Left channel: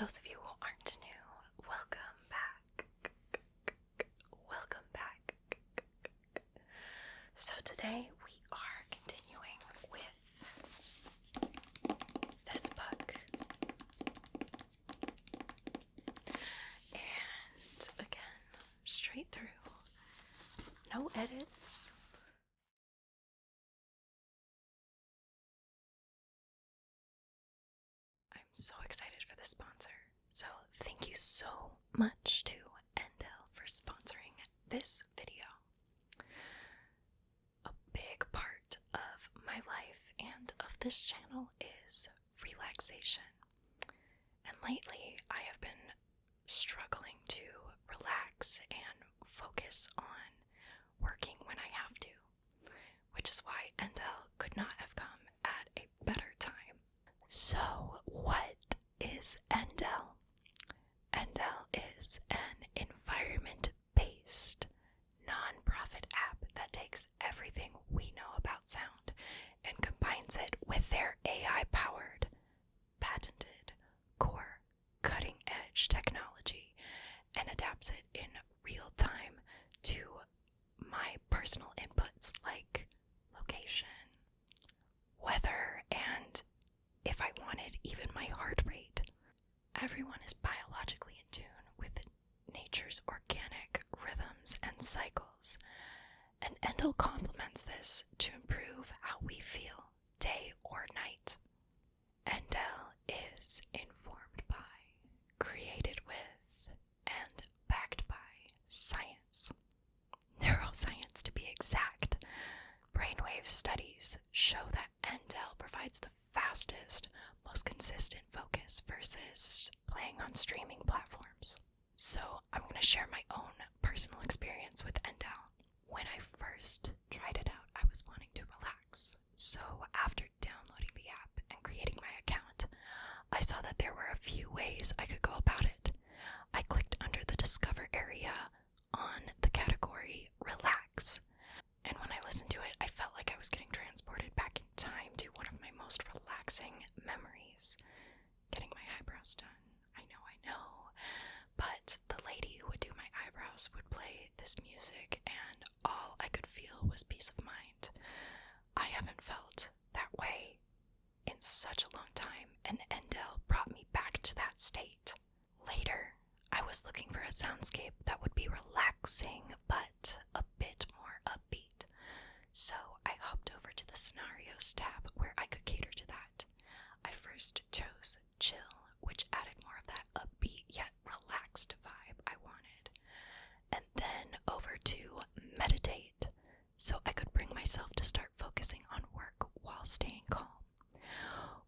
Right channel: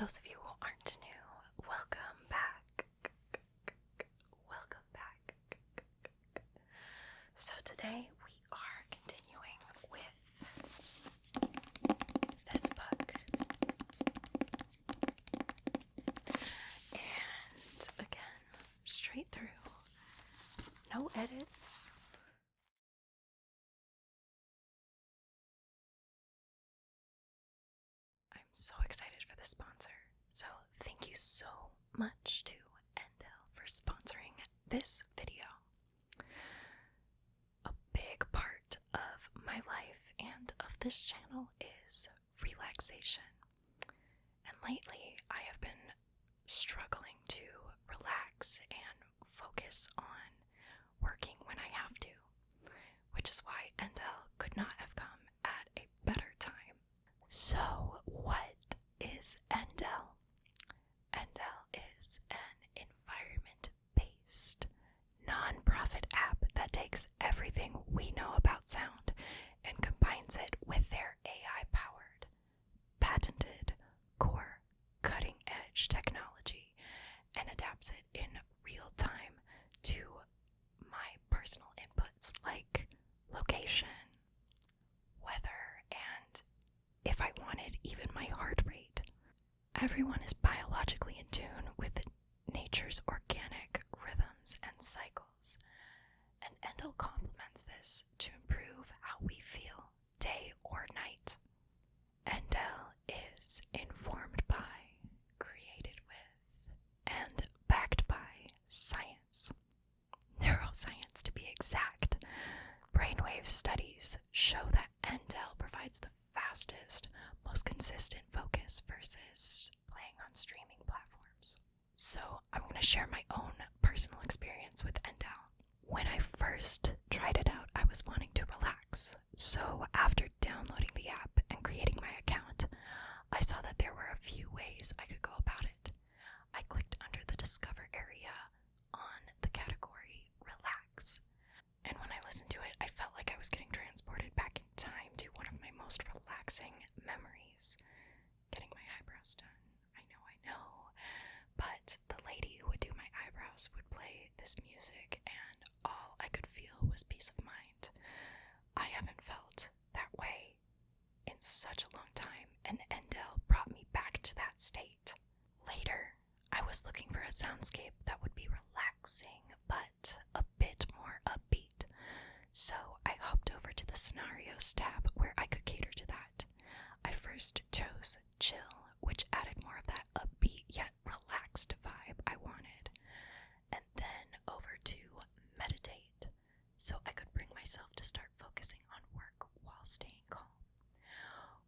those of you who aren't new, welcome back. Welcome back. So today we are continuing with this book. And again, straight through. No edits. I'm so excited for the sponsor. So thank you so much to Endl for sponsoring this video. A big part of my life and of this channel is relaxation. And lately I have been struggling to relax and focus on working when I have to, which is why Endl could not have come at a better time. So what is Endl? Endl is an environment-based, non-profit app that takes everything we know about sound and combines it with their AI-powered, patented, core, cutting-edge technology and adapts it in real time to my personal inputs like location, weather, and if I wanted, even my heart rate. Everyone is biologically in tune with nature's organic rhythms and cycles, and Endl complements this to improve how we feel day or night. Endl is informed by, created with, and backed by science. Neuroscience, to be exact. Brainwave studies show that Endl provides the fastest, most consistent focus versus playing on streaming platforms. So I'm going to share my own personal experience with Endl. When I first tried it out, I was wanting to relax. So after downloading the app and creating my account, I saw that there were a few ways I could go about it. I clicked under the Discover area on the category Relax. And when I listened to it, I felt like I was getting transported back in time to one of my most relaxing memories. Getting my eyebrows done. I know. But the lady who would do my eyebrows would play this music, and all I could feel was peace of mind. I haven't felt that way in such a long time, and Endl brought me back to that state. Later, I was looking for a soundscape that would be relaxing, but a bit more upbeat. So I hopped over to the Scenarios tab where I could cater to that. I first chose Chill, which added more of that upbeat yet relaxed vibe I wanted. And then over to Meditate, so I could bring myself to start focusing on work while staying calm.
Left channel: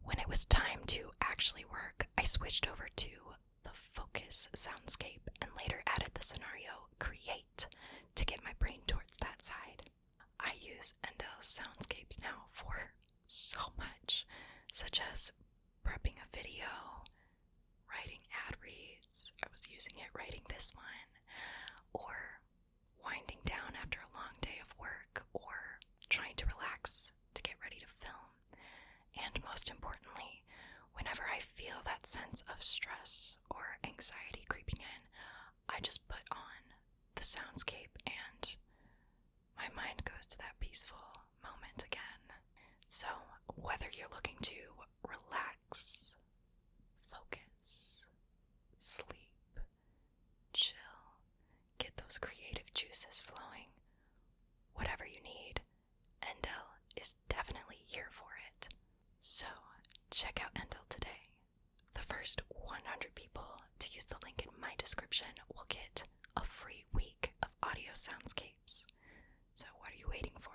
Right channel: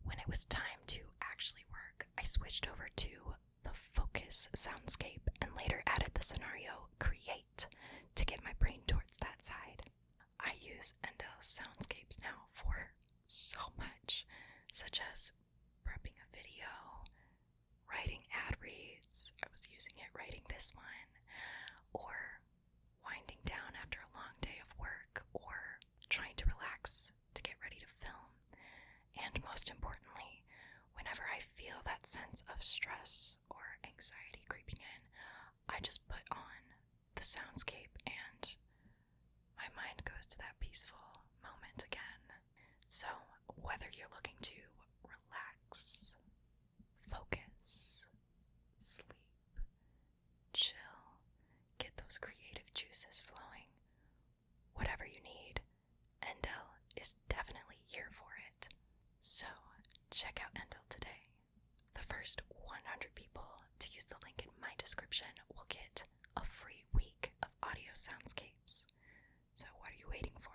When it was time to actually work, I switched over to the Focus soundscape and later added the scenario Create to get my brain towards that side. I use Endl's soundscapes now for so much, such as prepping a video, writing ad reads, I was using it writing this one, or winding down after a long day of work, or trying to relax to get ready to film. And most importantly, whenever I feel that sense of stress or anxiety creeping in, I just put on the soundscape and my mind goes to that peaceful moment again. So, whether you're looking to relax, focus, sleep, chill, get those creative juices flowing, whatever you need, Endl is definitely here for it. So, check out Endl today. The first 100 people to use the link in my description will get a free week of audio soundscapes. So what are you waiting for?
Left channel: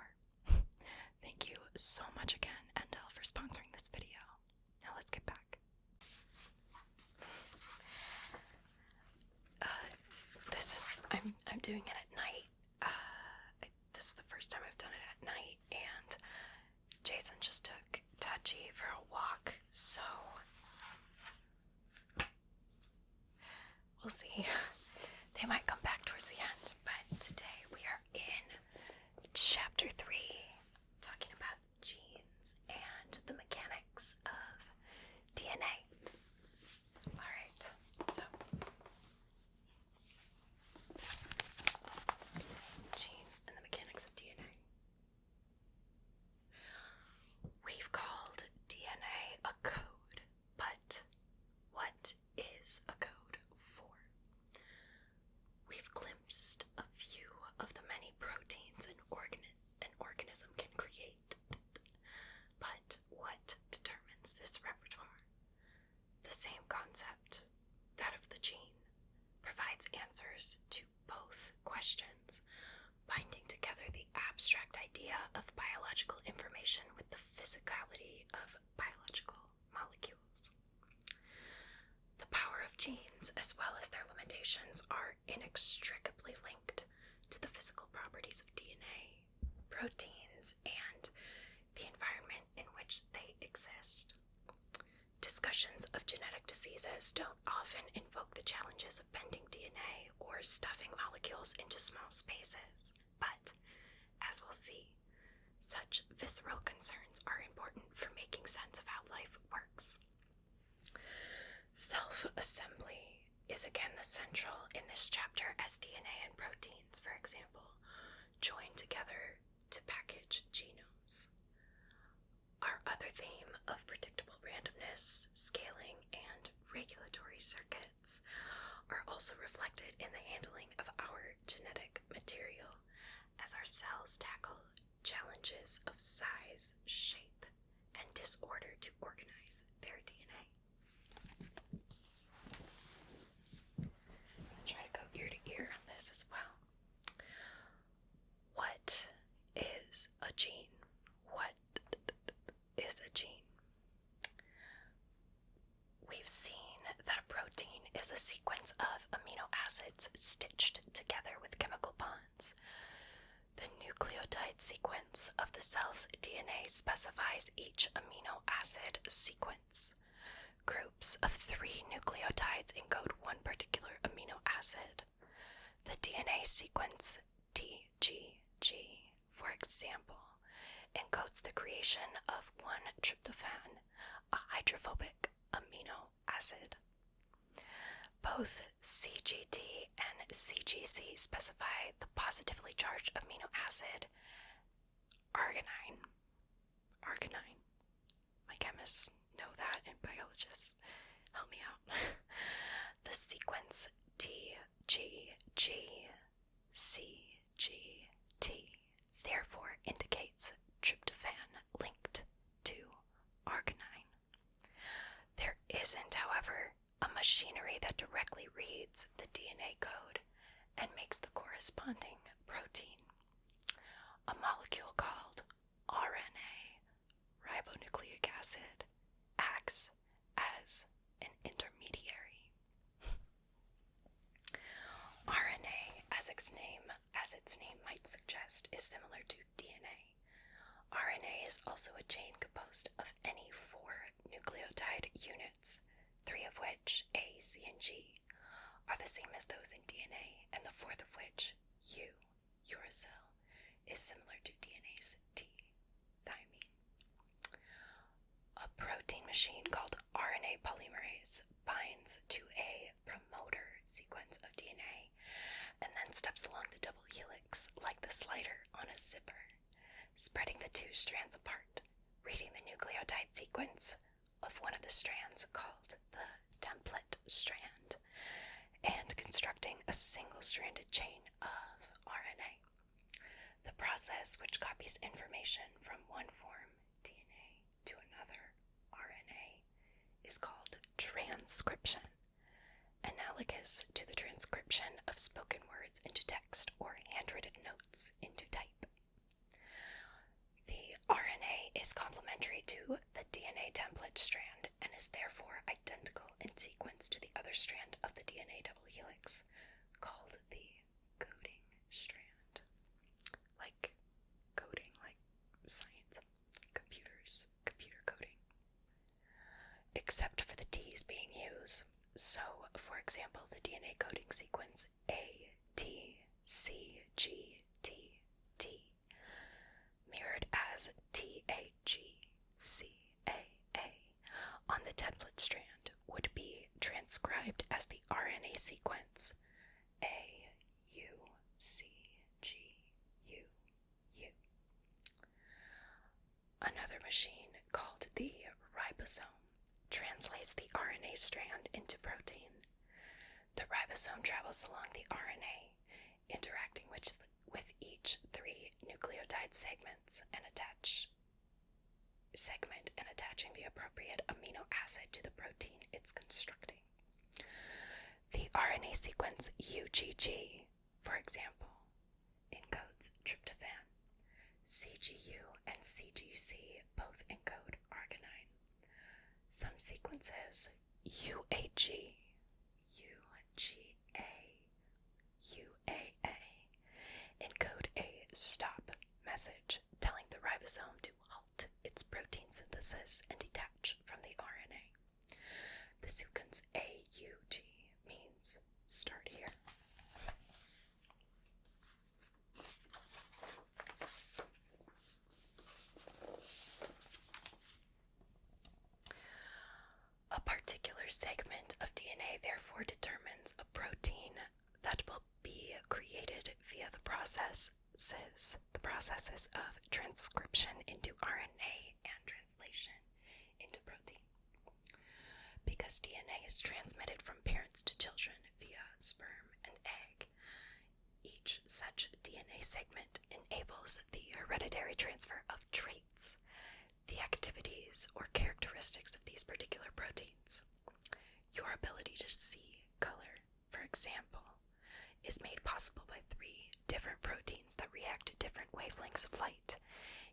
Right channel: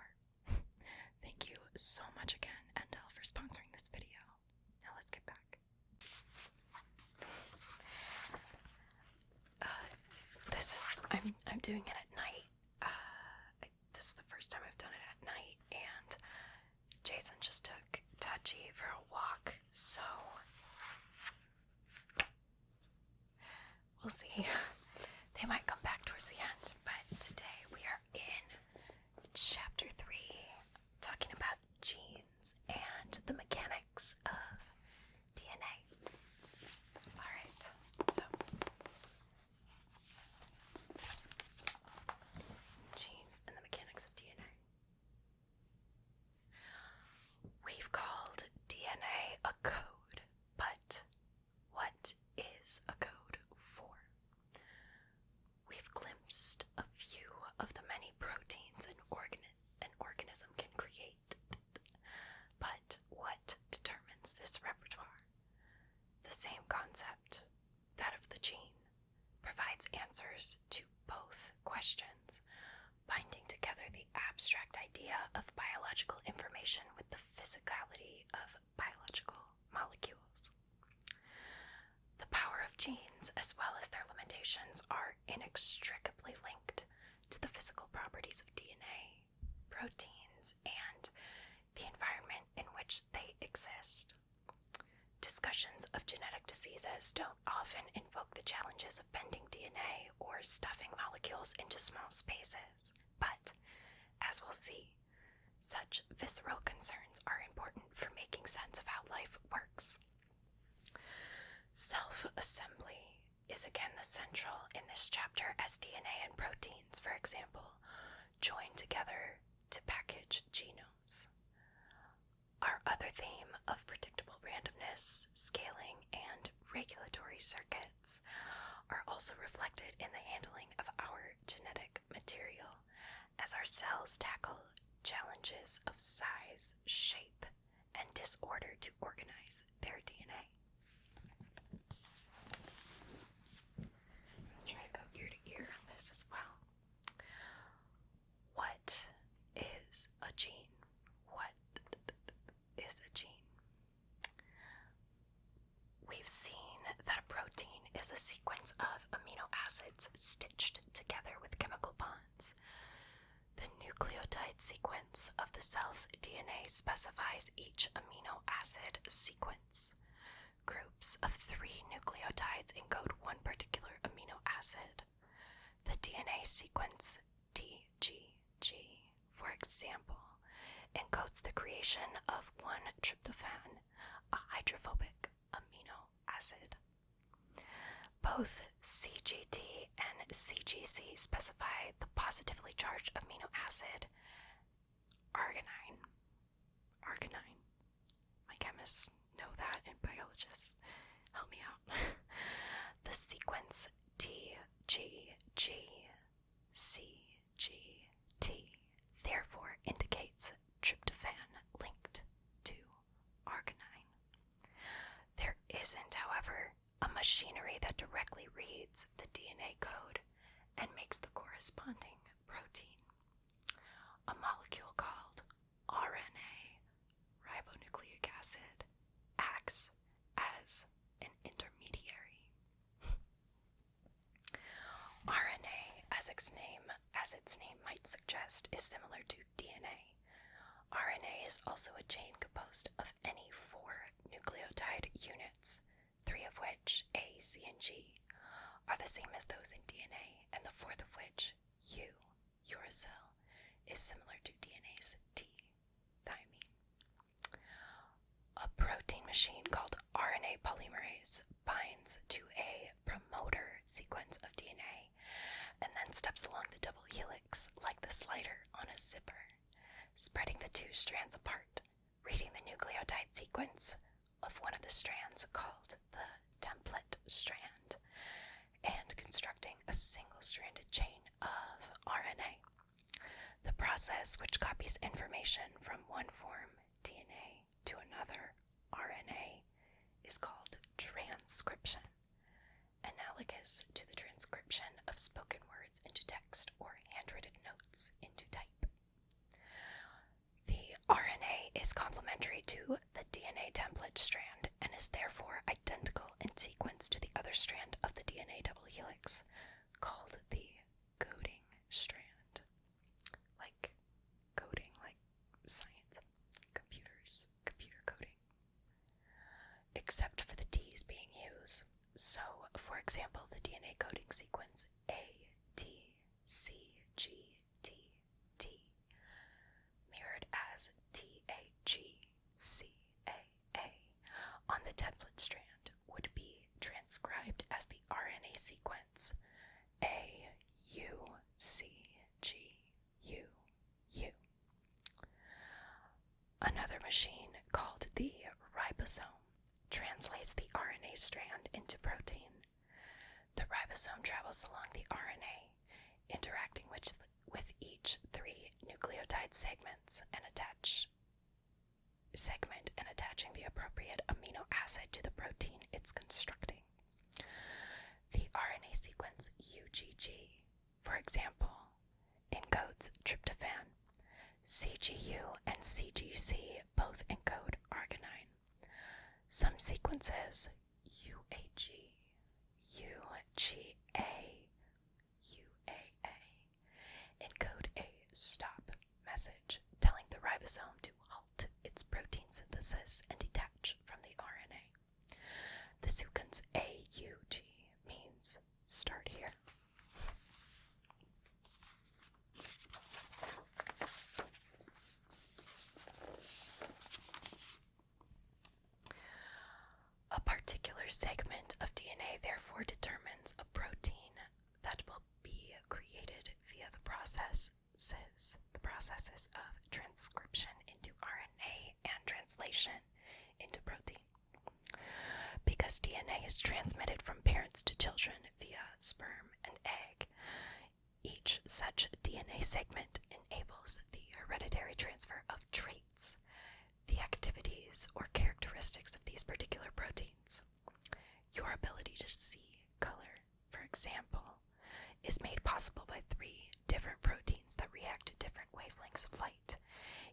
Thank you so much again, Endl, for sponsoring this video. Now let's get back. I'm doing it at night. This is the first time I've done it at night, and Jason just took Touchy for a walk, so we'll see. They might come back towards the end, but today we are in Chapter 3, talking about genes and the mechanics of DNA. Alright. same concept, that of the gene, provides answers to both questions, binding together the abstract idea of biological information with the physicality of biological molecules. The power of genes, as well as their limitations, are inextricably linked to the physical properties of DNA, proteins, and the environment in which they exist. Discussions of genetic diseases don't often invoke the challenges of bending DNA or stuffing molecules into small spaces, but, as we'll see, such visceral concerns are important for making sense of how life works. Self-assembly is again the central in this chapter, as DNA and proteins, for example, join together to package genomes. Our other theme of predictable randomness, scaling, and regulatory circuits are also reflected in the handling of our genetic material, as our cells tackle challenges of size, shape, and disorder to organize their DNA. I'm going to try to go ear to ear on this as well. What is a gene? What is a gene? We've seen that a protein is a sequence of amino acids stitched together with chemical bonds. The nucleotide sequence of the cell's DNA specifies each amino acid sequence. Groups of 3 nucleotides encode one particular amino acid. The DNA sequence DGG, for example, encodes the creation of 1-tryptophan, a hydrophobic amino acid. Both CGT and CGC specify the positively charged amino acid arginine. My chemists know that, and biologists help me out. The sequence DGG CGT therefore indicates tryptophan linked to arginine. There isn't, however, a machinery that directly reads the DNA code and makes the corresponding protein. A molecule called RNA, ribonucleic acid, acts as an intermediary. RNA, as its name might suggest, is similar to DNA. RNA is also a chain composed of any 4 nucleotide units, 3 of which, A, C, and G, are the same as those in DNA, and the 4th of which, U, uracil, is similar to DNA's T, thymine. A protein machine called RNA polymerase binds to a promoter sequence of DNA and then steps along the double helix like the slider on a zipper, spreading the 2 strands apart, reading the nucleotide sequence of one of the strands called the template strand, and constructing a single-stranded chain of RNA. The process which copies information from one form, DNA, to another, RNA, is called transcription, analogous to the transcription of spoken words into text or handwritten notes into type. The RNA is complementary to the DNA template strand and is therefore identical in sequence to the other strand of the DNA double helix, called the coding strand. Like coding, like science, computers, computer coding. Except for the T's being used. So, for example, the DNA coding sequence A, T, C, G, T, T, mirrored as T, A, G, C, A, on the template strand would be transcribed as the RNA sequence A, U, C, G, U, U. Another machine called the ribosome translates the RNA strand into protein. The ribosome travels along the RNA, interacting with each 3 nucleotide segments and attaching the appropriate amino acid to the protein it's DNA sequence UGG, for example, encodes tryptophan. CGU and CGC both encode arginine. Some sequences, UAG, UGA, UAA, encode a stop message telling the ribosome to halt its protein synthesis and detach from the RNA. The sequence AUG means start here. A particular segment of DNA therefore determines a protein that will be created via the processes of transcription into RNA and translation into protein. Because DNA is transmitted from parents to children via sperm and egg, each such DNA segment enables the hereditary transfer of traits, the activities or characteristics of these particular proteins. Your ability to see color, for example, is made possible by 3 different proteins that react to different wavelengths of light,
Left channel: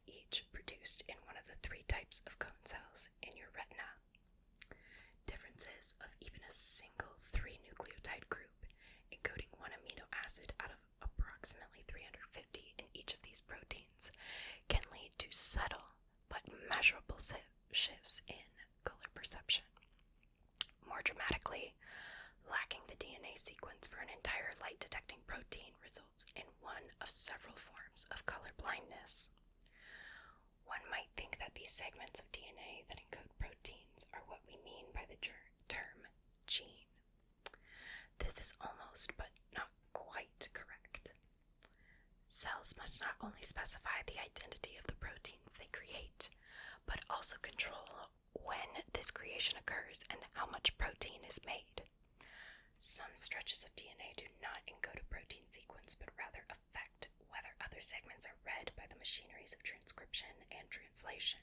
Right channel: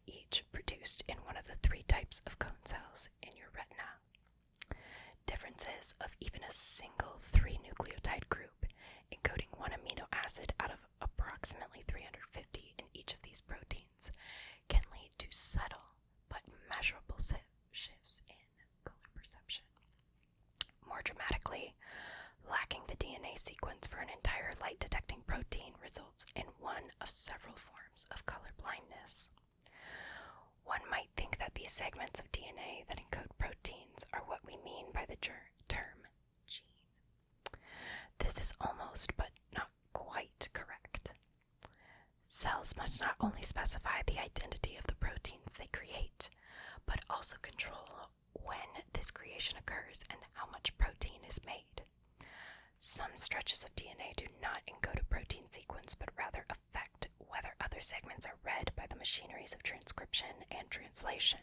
each produced in one of the 3 types of cone cells in your retina. Differences of even a single 3-nucleotide group, encoding 1 amino acid out of approximately 350 in each of these proteins, can lead to subtle but measurable shifts in color perception. More dramatically, lacking the DNA sequence for an entire light-detecting protein results in one of several forms of color blindness. One might think that these segments of DNA that encode proteins are what we mean by the term gene. This is almost but not quite correct. Cells must not only specify the identity of the proteins they create, but also control when this creation occurs and how much protein is made. Some stretches of DNA do not encode a protein sequence, but rather affect whether other segments are read by the machineries of transcription and translation.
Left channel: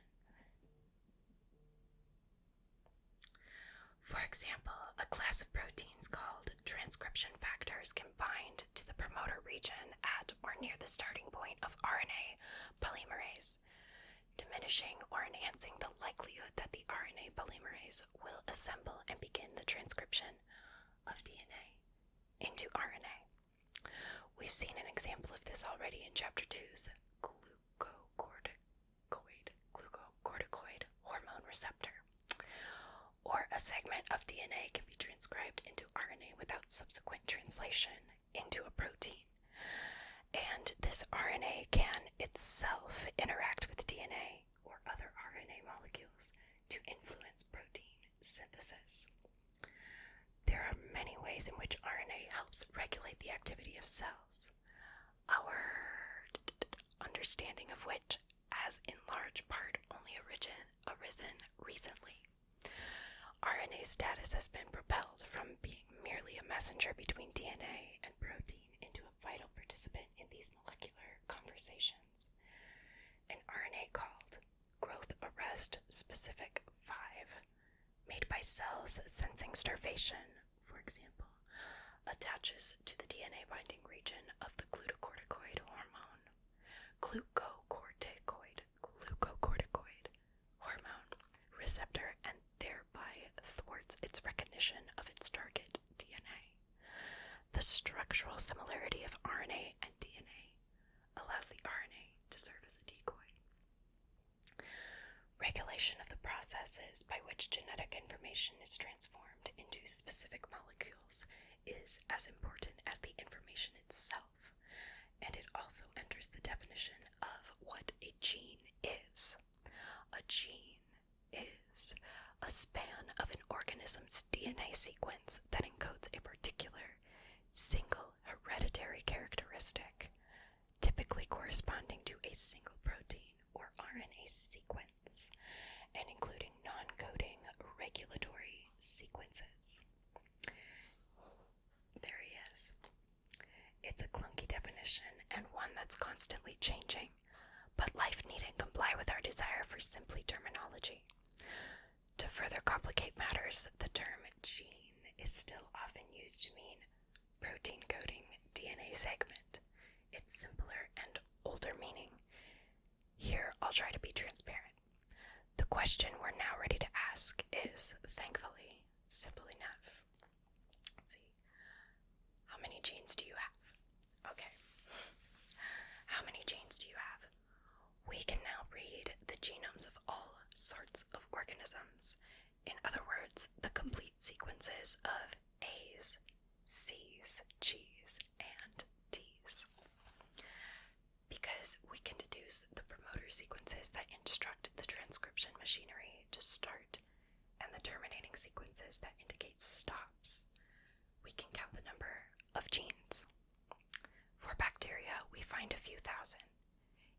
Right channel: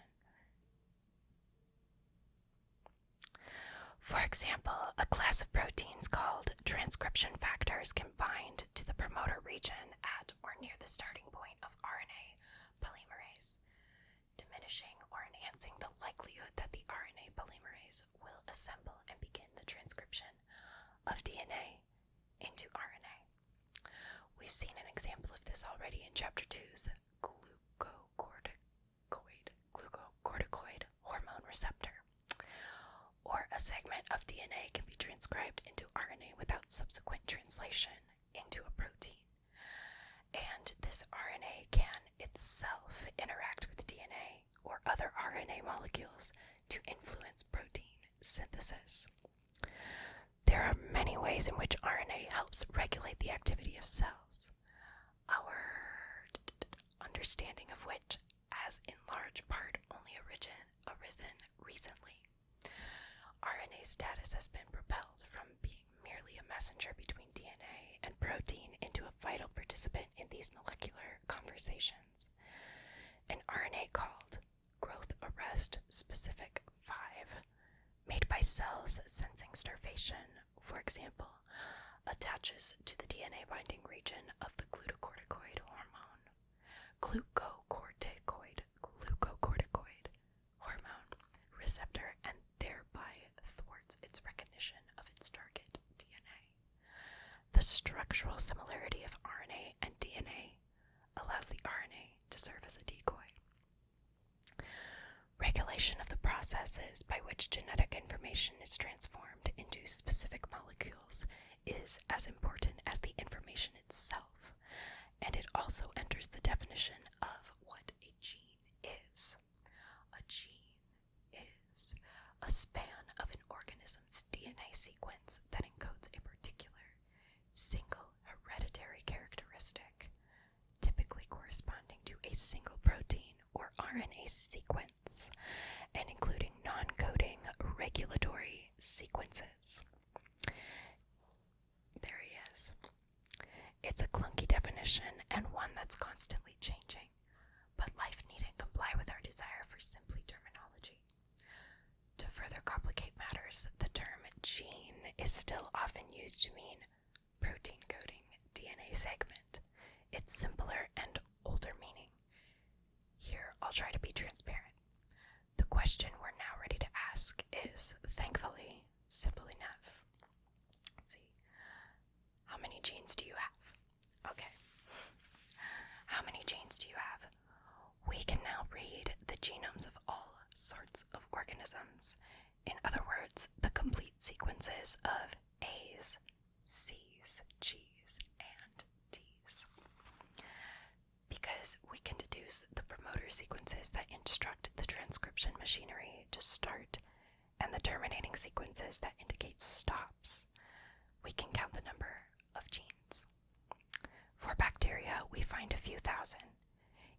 For example, a class of proteins called transcription factors can bind to the promoter region at or near the starting point of RNA polymerase, diminishing or enhancing the likelihood that the RNA polymerase will assemble and begin the transcription of DNA into RNA. We've seen an example of this already in Chapter 2's glucocorticoid hormone receptor. Or a segment of DNA can be transcribed into RNA without subsequent translation into a protein. And this RNA can itself interact with DNA or other RNA molecules to influence protein synthesis. There are many ways in which RNA helps regulate the activity of cells, our understanding of which has in large part only arisen recently. RNA status has been propelled from being merely a messenger between DNA and protein into a vital participant in these molecular conversations. An RNA called growth arrest specific 5, made by cells sensing starvation, for example, attaches to the DNA binding region of the glucocorticoid hormone, glucocorticoid hormone receptor, and thereby thwarts its recognition of its target DNA. The structural similarity of RNA and DNA allows the RNA to serve as a decoy. Regulation of the processes by which genetic information is transformed into specific molecules is as important as the information itself, and it also enters the definition of what a gene is. A gene is a span of an organism's DNA sequence that encodes a particular single hereditary characteristic, typically corresponding to a single protein or RNA sequence, and including non-coding regulatory sequences. There he is. It's a clunky definition and one that's constantly changing, but life needn't comply with our desire for simply terminology. To further complicate matters, the term gene is still often used to mean protein coding DNA segment. Its simpler and older meaning. Here, I'll try to be transparent. The question we're now ready to ask is, thankfully, simple enough. Let's see. How many genes do you have? Okay. How many genes do you have? We can now read the genomes of all sorts of organisms. In other words, the complete sequences of A's, C's, G's, and D's. Because we can deduce the promoter sequences that instruct the transcription machinery to start and the terminating sequences that indicate stops, we can count the number of genes. For bacteria, we find a few thousand.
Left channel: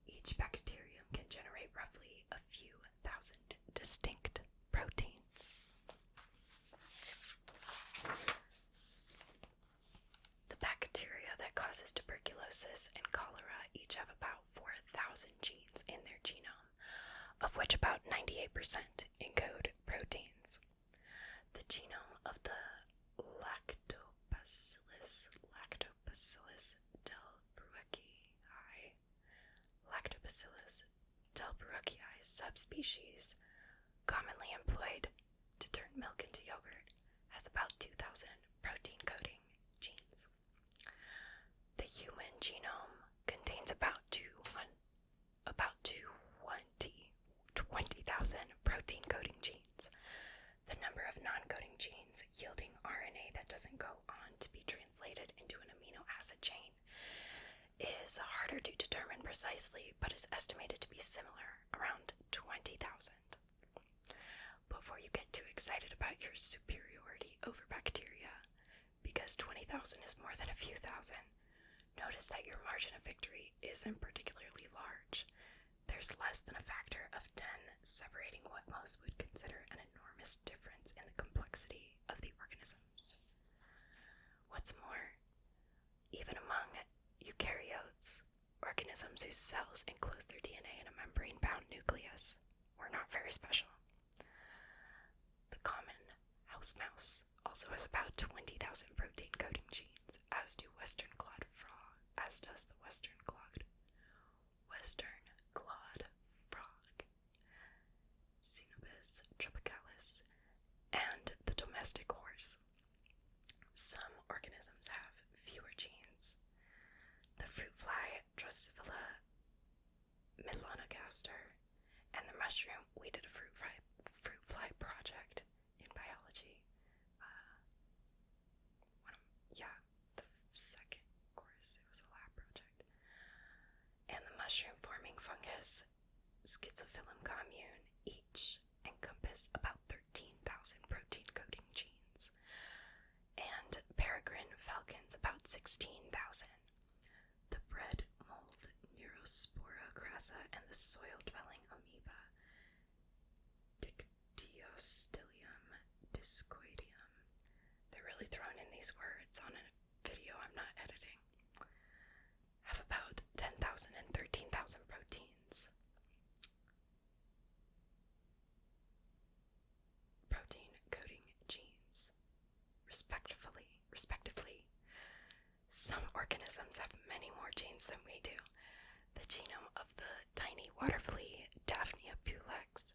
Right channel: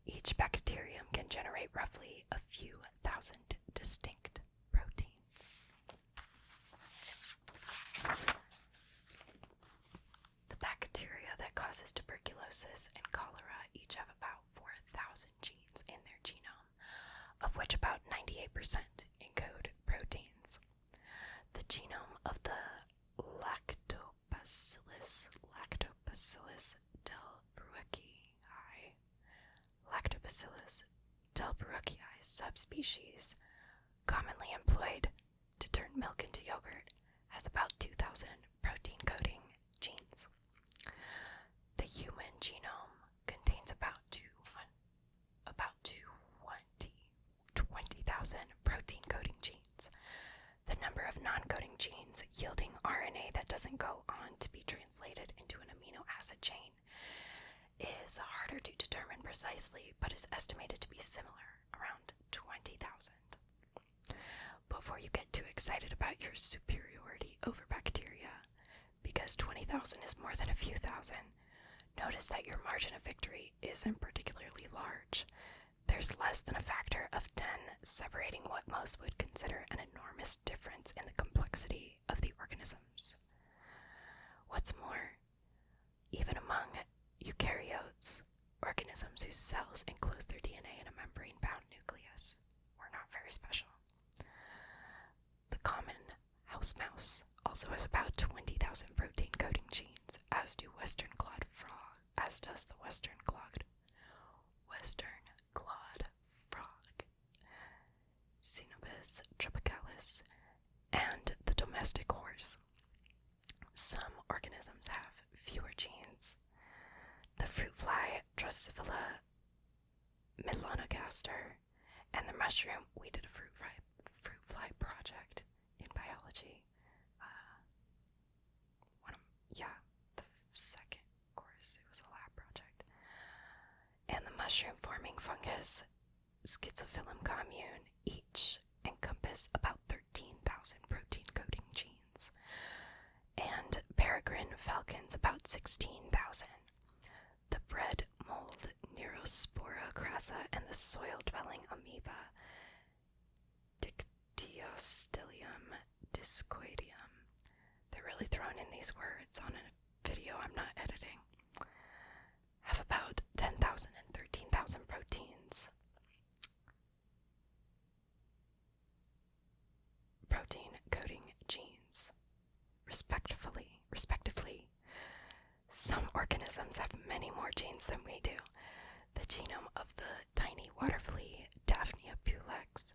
Each bacterium can generate roughly a few thousand distinct proteins. The bacteria that causes tuberculosis and cholera each have about 4,000 genes in their genome, of which about 98% encode proteins. The genome of the Lactobacillus delbrueckii subspecies, commonly employed to turn milk into yogurt, has about 2,000 protein-coding genes. The human genome contains about 20,000 protein-coding genes. The number of non-coding genes yielding RNA that doesn't go on to be translated into an amino acid chain is harder to determine precisely, but is estimated to be similar, around 20,000. Before you get too excited about your superiority over bacteria, because 20,000 is more than a few thousand, notice that your margin of victory isn't particularly large. There's less than a factor of 10 separating what most would consider an enormous difference in the complexity of the organisms. What's more, even among eukaryotes, organisms whose cells enclose their DNA in a membrane-bound nucleus, were not very special. The common house mouse also has about 20,000 protein-coding genes, as does the western clawed frog, Xenobus tropicalis, and the domestic horse. Some organisms have fewer genes. The fruit fly Drosophila melanogaster and the mushroom. We did a fruit fly project in biology. The second course, it was a lab project. And the mushroom-forming fungus Schizophyllum commune each encompass about 13,000 protein-coding genes, and peregrine falcons about 16,000. The bread mold Neurospora crassa and the soil-dwelling amoeba Dictyostelium discoideum. They're really throwing in these words on a video I'm not editing. Have about 10,000 and 13,000 proteins. Protein-coding genes, respectively. Some organisms have many more genes than we do. The genome of the tiny water flea Daphnia pulex,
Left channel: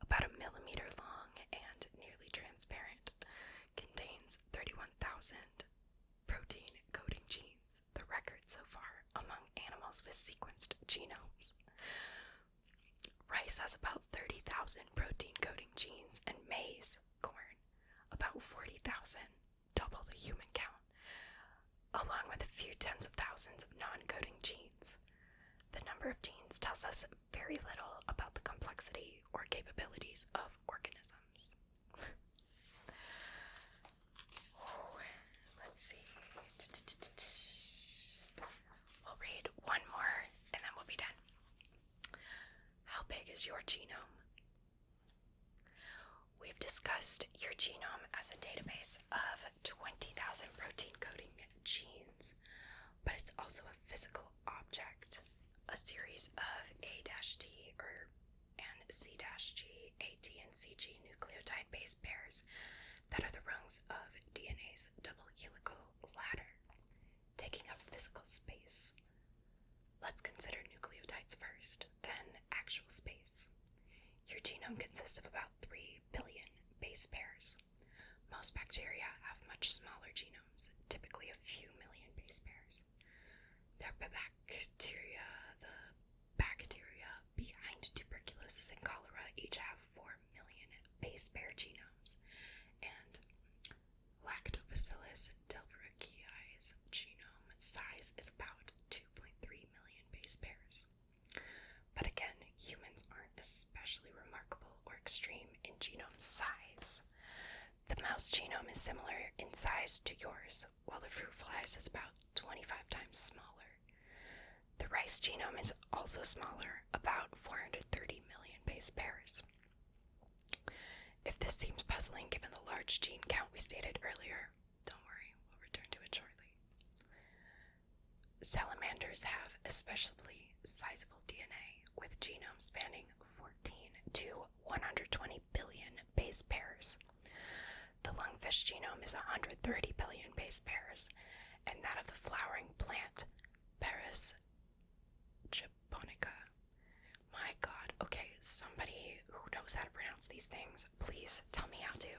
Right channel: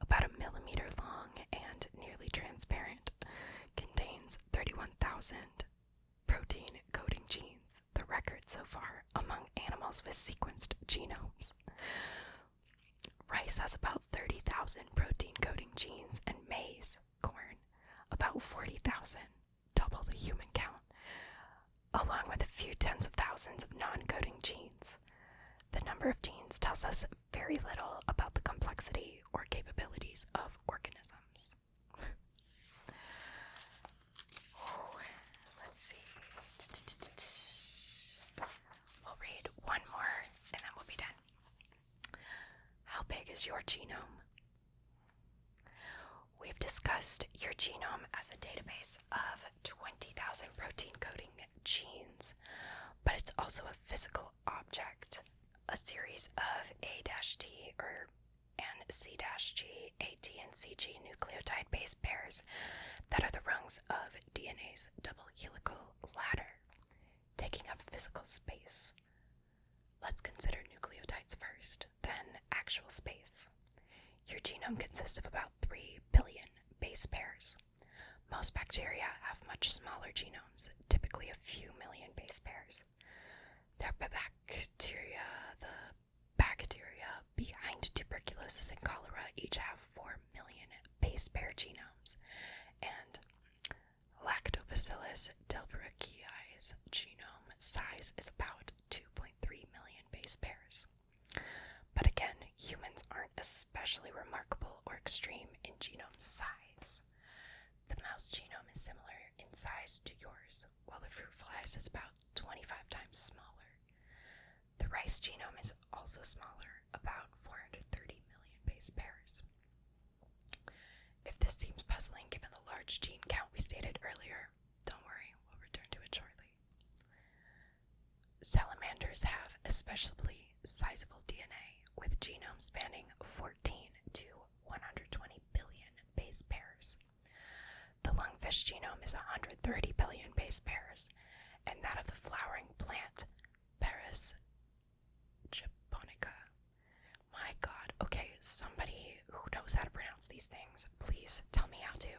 about 1 millimeter long and nearly transparent, contains 31,000 protein-coding genes, the record so far among animals with sequenced genomes. Rice has about 30,000 protein-coding genes, and maize, corn, about 40,000, double the human count, along with a few tens of thousands of non-coding genes. The number of genes tells us very little about the complexity or capabilities of organisms. Let's see. We'll read one more and then we'll be done. How big is your genome? We've discussed your genome as a database of 20,000 protein-coding genes, but it's also a physical object, a series of A-T and C-G, AT and CG nucleotide base pairs that are the rungs of DNA's double helical ladder. taking up physical space. Let's consider nucleotides first, then actual space. Your genome consists of about 3 billion base pairs. Most bacteria have much smaller genomes, typically a few million base pairs. The bacteria behind tuberculosis and cholera each have 4 million base pair genomes, and Lactobacillus delbrueckii genome size is about 2.3 million base pairs. But again, humans aren't especially remarkable or extreme in genome size. The mouse genome is similar in size to yours, while the fruit fly's is about 25 times smaller. The rice genome is also smaller, about 430 million base pairs. If this seems puzzling given the large gene count we stated earlier, don't worry, we'll return to it shortly. Salamanders have especially sizable DNA, with genomes spanning 14 to 120 billion base pairs. The lungfish genome is 130 billion base pairs, and that of the flowering plant, Paris japonica. My god, okay, somebody who knows how to pronounce these things, please tell me how to.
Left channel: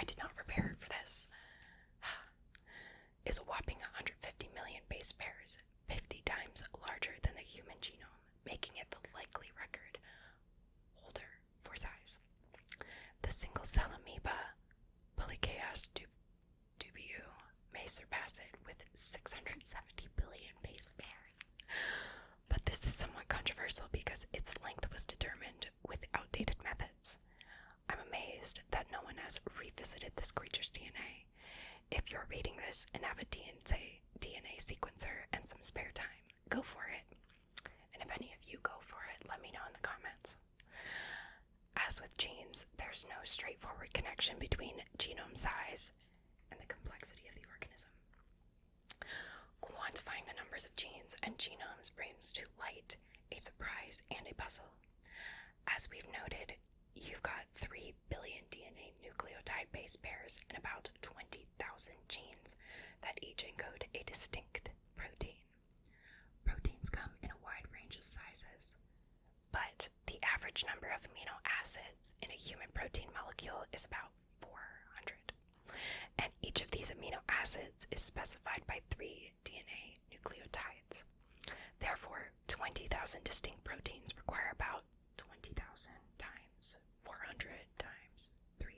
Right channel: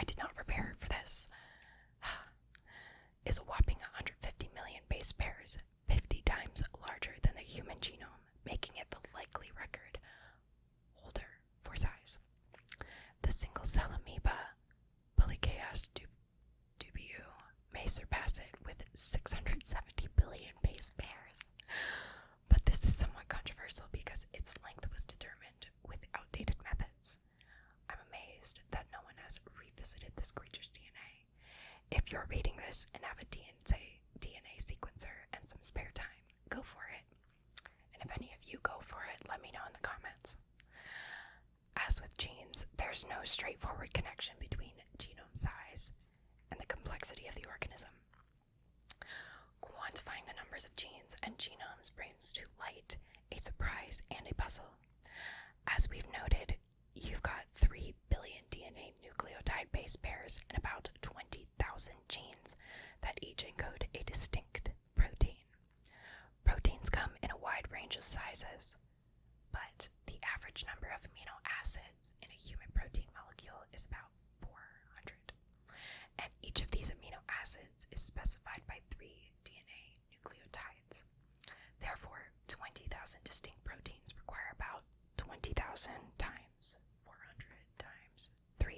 I did not prepare for this. Is a whopping 150 million base pairs, 50 times larger than the human genome, making it the likely record holder for size. The single-cell amoeba, Polychaeus dubiu, may surpass it with 670 billion base pairs. But this is somewhat controversial because its length was determined with outdated methods. I'm amazed that no one has revisited this creature's DNA. If you're reading this and have a DNA sequencer and some spare time, go for it. And if any of you go for it, let me know in the comments. As with genes, there's no straightforward connection between genome size and the complexity of the organism. Quantifying the numbers of genes and genomes brings to light a surprise and a puzzle. As we've noted, you've got 3 billion DNA nucleotide base pairs and about 20,000 genes that each encode a distinct protein. Proteins come in a wide range of sizes, but the average number of amino acids in a human protein molecule is about 400, and each of these amino acids is specified by 3 DNA nucleotides. Therefore, 20,000 distinct proteins require about 20,000 times 400 times 3,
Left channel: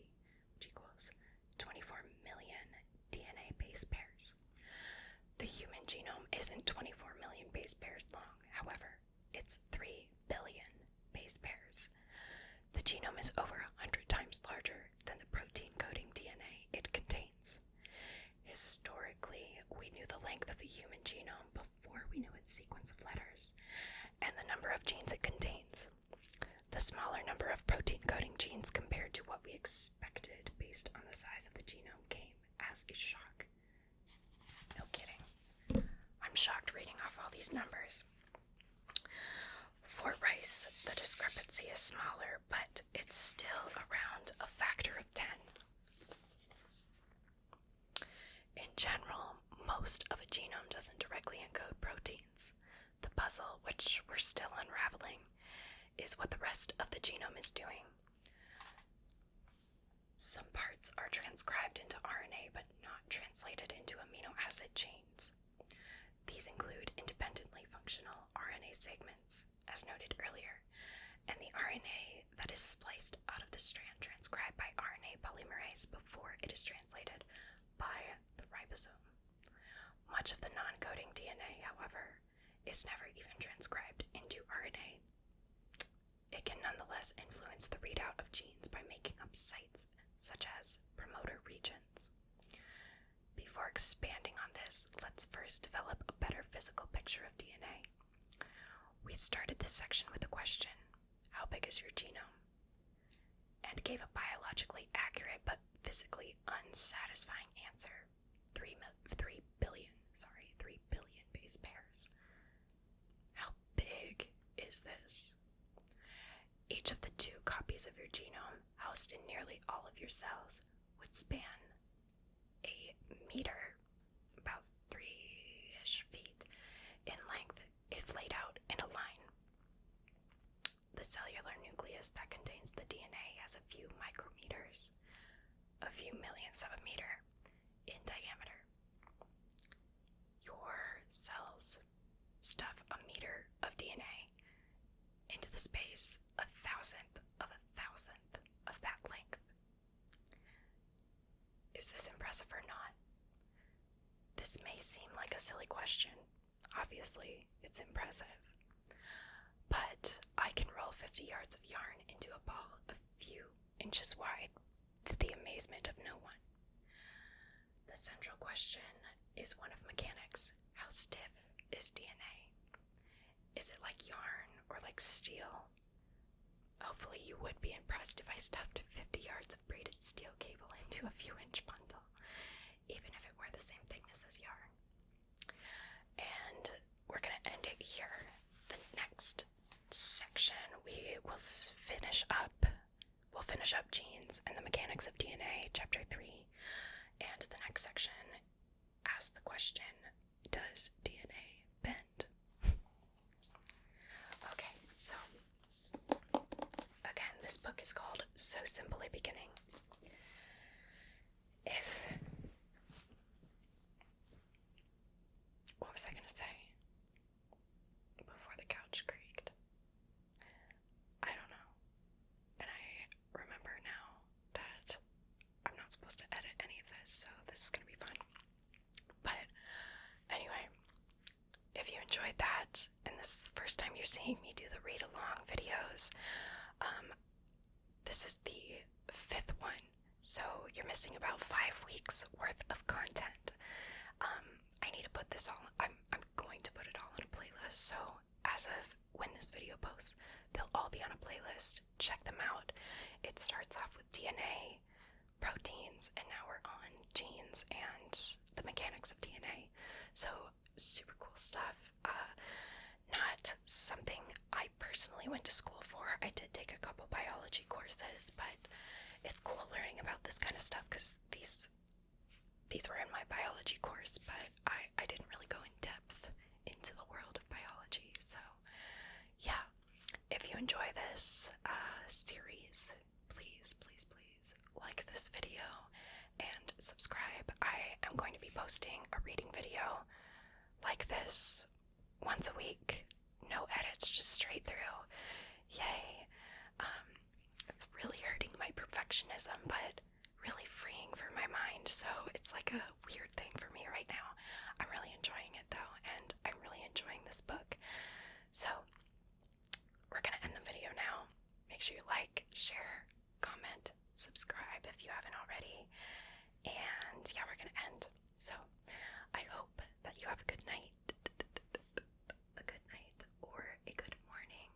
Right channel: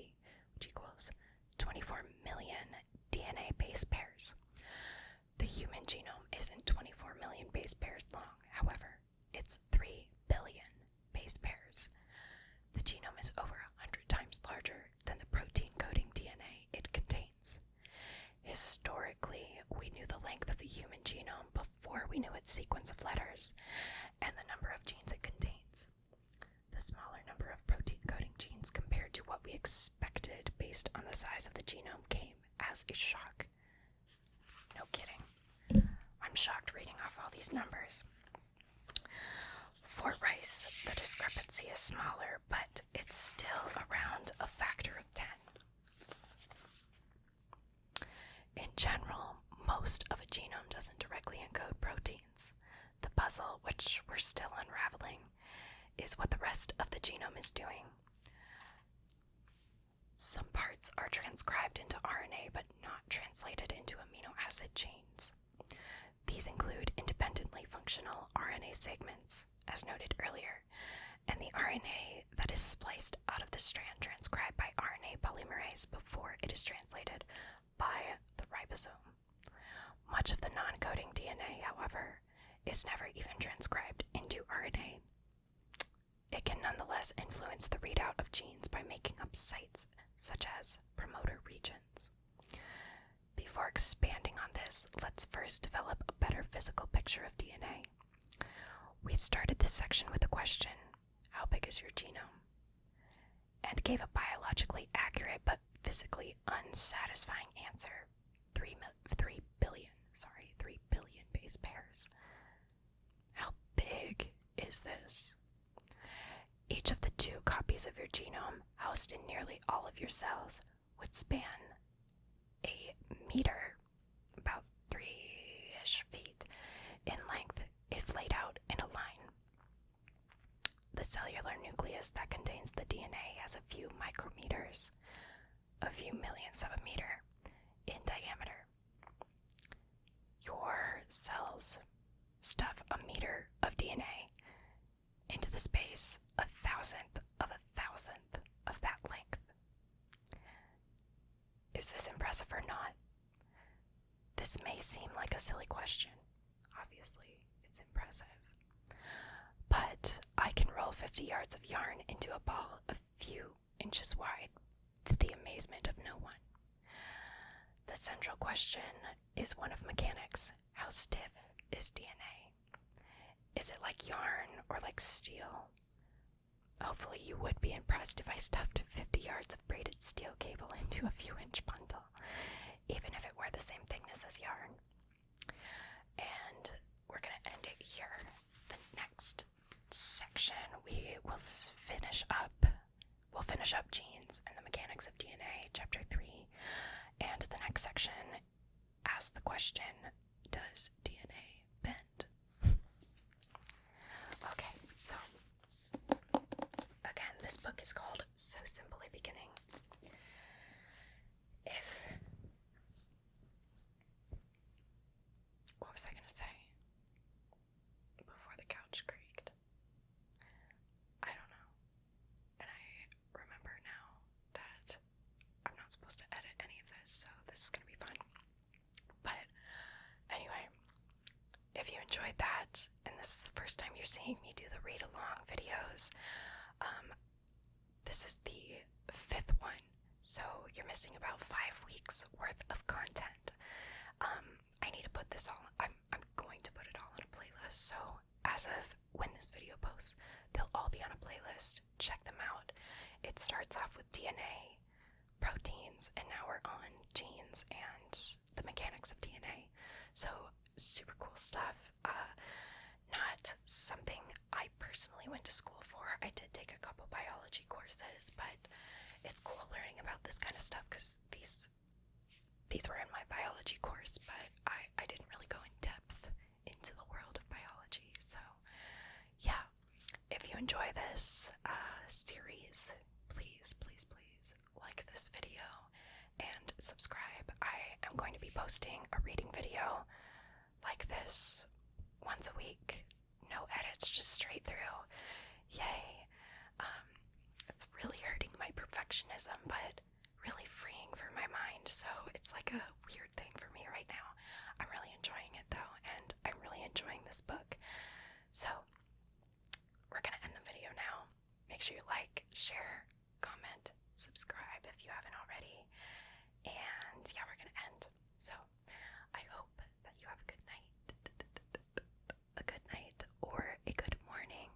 which equals 24 million DNA base pairs. The human genome isn't 24 million base pairs long, however, it's 3 billion base pairs. The genome is over 100 times larger than the protein coding DNA it contains. Historically, we knew the length of the human genome before we knew its sequence of letters and the number of genes it contains. The smaller number of protein coding genes compared to what we expected based on the size of the genome came as a shock. No kidding. I'm shocked reading off all these numbers. For rice, the discrepancy is smaller, but it's still around a factor of 10. In general, most of a genome doesn't directly encode proteins. The puzzle, which we're still unraveling, is what the rest of the genome is doing. Some parts are transcribed into RNA but not translated into amino acid chains. These include independently functional RNA segments, as noted earlier, and the RNA that is spliced out of the strand transcribed by RNA polymerase before it is translated by the ribosome. Much of the non-coding DNA, however, is never even transcribed into RNA. It can nonetheless influence the readout of genes by making up sites such as promoter regions. Before expanding on this, let's first develop a better physical picture of DNA. We started this section with the question, how big is your genome? And gave a biologically accurate but physically unsatisfying answer, 3 billion base pairs. How big is this? Each of the 2 copies of your genome housed in nearly all of your cells would span a meter, about 3 few millionths of a meter in diameter. Your cells stuff a meter of DNA into the space a thousandth of that length. Is this impressive or not? This may seem like a silly question. Obviously, it's impressive. But I can roll 50 yards of yarn into a ball a few inches wide to the amazement of no one. The central question is one of mechanics. How stiff is DNA? Is it like yarn or like steel? Hopefully you would be impressed if I stuffed 50 yards of braided steel cable into a few inch bundle, even if it were the same thickness as yarn. And we're going to end it here. The next section we'll finish up genes and the mechanics of DNA, chapter 3. And the next section asks the question, does DNA bend? Okay, so again, this book is called So Simply Beginning. What was I going to say before the couch creaked? I don't know. And I remember now that I'm not supposed to edit any of this, so this is going to be fun. But anyway, if you enjoyed that, and this is the first time you're seeing me do the read-along videos, this is the 5th one, so you're missing about 5 weeks worth of content. I need to put this all, I'm going to put it all on a playlist, so as of when this video posts, they'll all be on a playlist. Check them out. It starts off with DNA, proteins, and now we're on genes and the mechanics of DNA. So super cool stuff. Not something I personally went to school for. I did take a couple biology courses, but it's cool learning about this kind of stuff because these were in my biology course, but I didn't really go in depth into the world of biology. So yeah, if you enjoy this series, please like this video and subscribe. I am going to be posting a reading video like this once a week. No edits, just straight through. Yay. It's really hurting my perfectionism, but really freeing for my mind, so it's like a weird thing for me right now. I'm really enjoying it though, and I'm really enjoying this book. So we're gonna end the video now. Make sure you like, share, comment, subscribe if you haven't already, and yeah, we're gonna end. So I hope that you have a good night, or a good morning,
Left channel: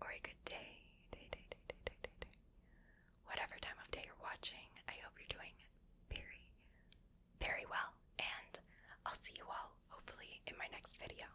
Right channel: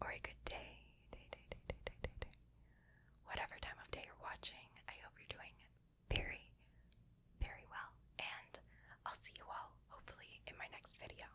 or a good day. Whatever time of day you're watching, I hope you're doing very, very well, and I'll see you all hopefully in my next video.